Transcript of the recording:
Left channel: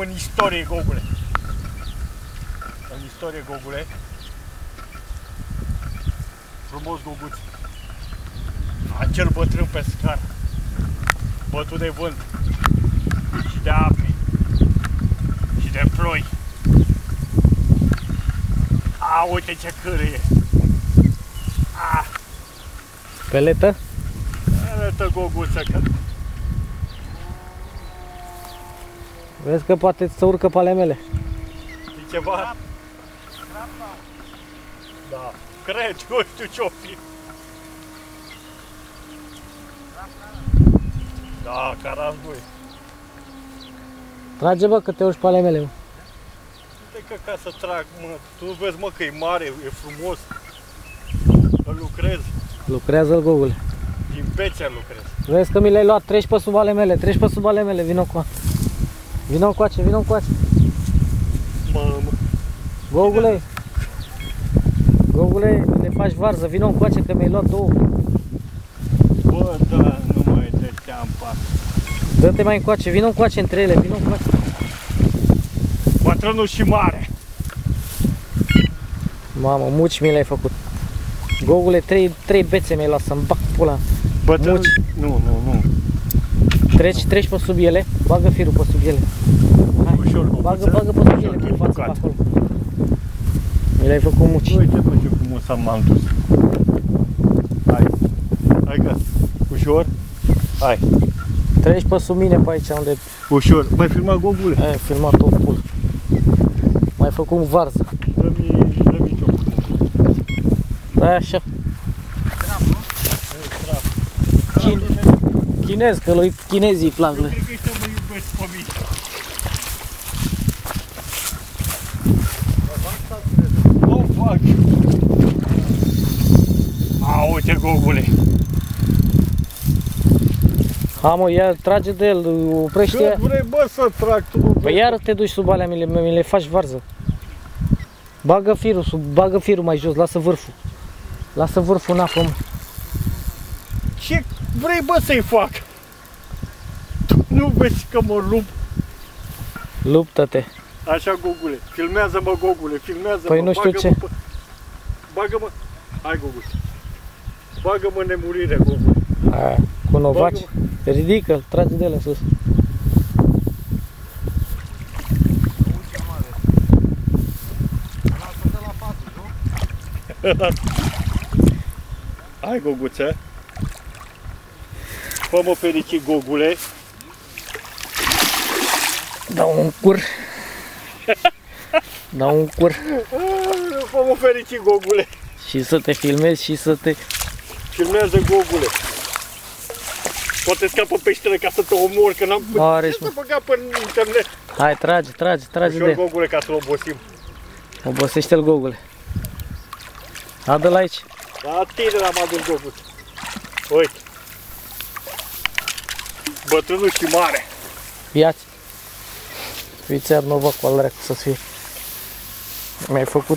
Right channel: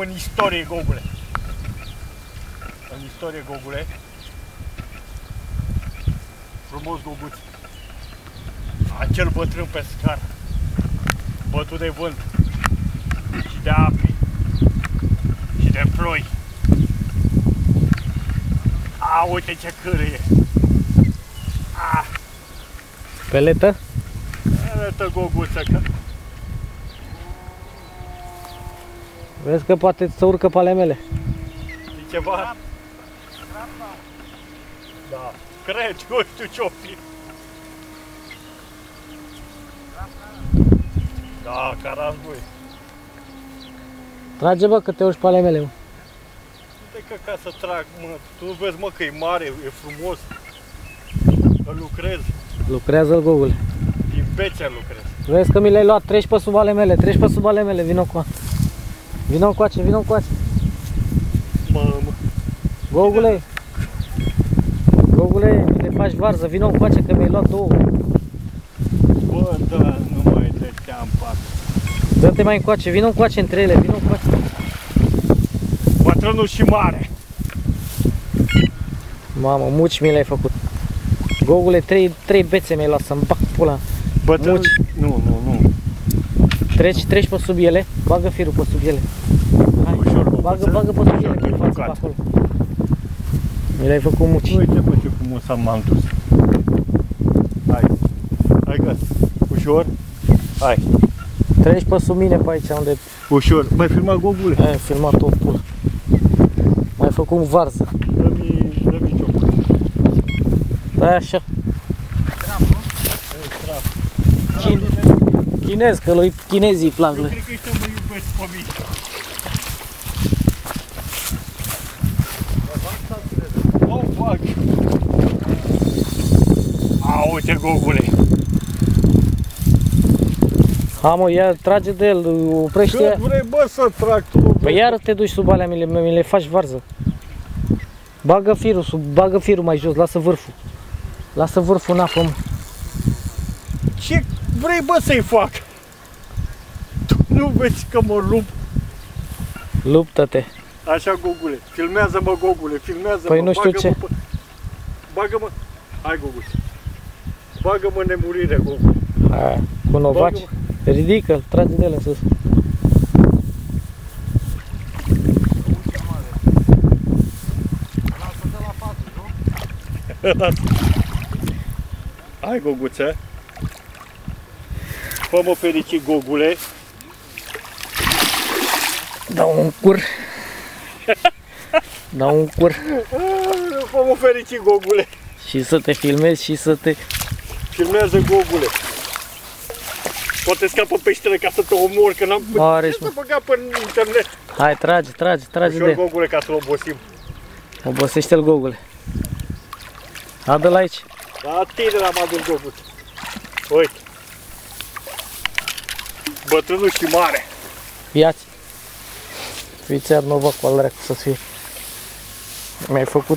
În istorie, Gogule. În istorie, Gogule. Frumos, Goguț. Acel bătrân pescar, bătut de vânt și de ape și de ploi. A, uite ce cârâie. A. Peletă? Peletă, Goguță, că... Vezi că poate să urcă pe ale mele. E ceva? Da, cred, nu știu ce-o fi. Da, carambui. Trage, bă, că te urci pe ale mele, mă. Uite că ca să trag, mă. Tu vezi, mă, că e mare, e frumos. Îl lucrez. Lucrează-l, Gogule. Din bețe lucrez. Vezi că mi le-ai luat, treci pe sub ale mele, treci pe sub ale mele, vino cu Vino încoace, vino încoace. Mamă. Gogule. Gogule, mi le faci varză, vino încoace că mi-ai luat două. Bă, da, nu mai dăteam pat. Dă-te mai încoace, vino încoace între ele, vino încoace. Bătrânul și mare. Mamă, muci mi le-ai făcut. Gogule, trei bețe mi-ai luat să-mi bag pula. Bătrânul... Nu. Treci pe sub ele, bagă firul pe sub ele. Hai, ușor, bagă pe sub ele, pe față pe acolo. Mi le-ai făcut muci. Uite, bă, ce frumos m-am dus. Hai gata. Ușor. Hai. Treci pe sub mine pe aici unde... Ușor. Mai filma, Gogule? Ai filmat o pulă. Mai făcut varză. Dă-mi ciocul. Da, așa. Chinez, că lui chinezii îi plac. Eu cred că ăștia mă iubesc pe mine. O fac. A, uite, Gogule. Ha, mă, ia trage de el, oprește ea. Cât vrei, bă, să trag tu? Păi iară te duci sub alea, mi le faci varză. Bagă firul mai jos, lasă vârful. Lasă vârful în apă, mă. Ce vrei, bă, să-i fac? Tu nu vezi că mă lupt? Luptă-te. Așa, Gogule. Filmează-mă, Gogule, filmează-mă. Păi nu știu ce. Bagă-mă. Hai, Gogule. Bagă-mă în nemurire, Gogule. Aia, cu novaci. Ridică-l, trage de el în sus. Hai, Goguță. Fă-mă fericit, Gogule. Dau un cur. Dau un cur. Fă-mă fericit, Gogule. Și să te filmezi și să te... Filmează, Gogule. Poate scapă peștele ca să te omor, că n-am... Are, Ce să băga pe internet? Hai, trage Ușor, de el. Gogule, ca să-l obosim. Obosește-l, Gogule. Adă-l aici. La tine l-am adus, Gogule. Uite. Bătrânul și mare. Ia-ți. Fiți iar novac cu al dracu să-ți fie. Mi-ai făcut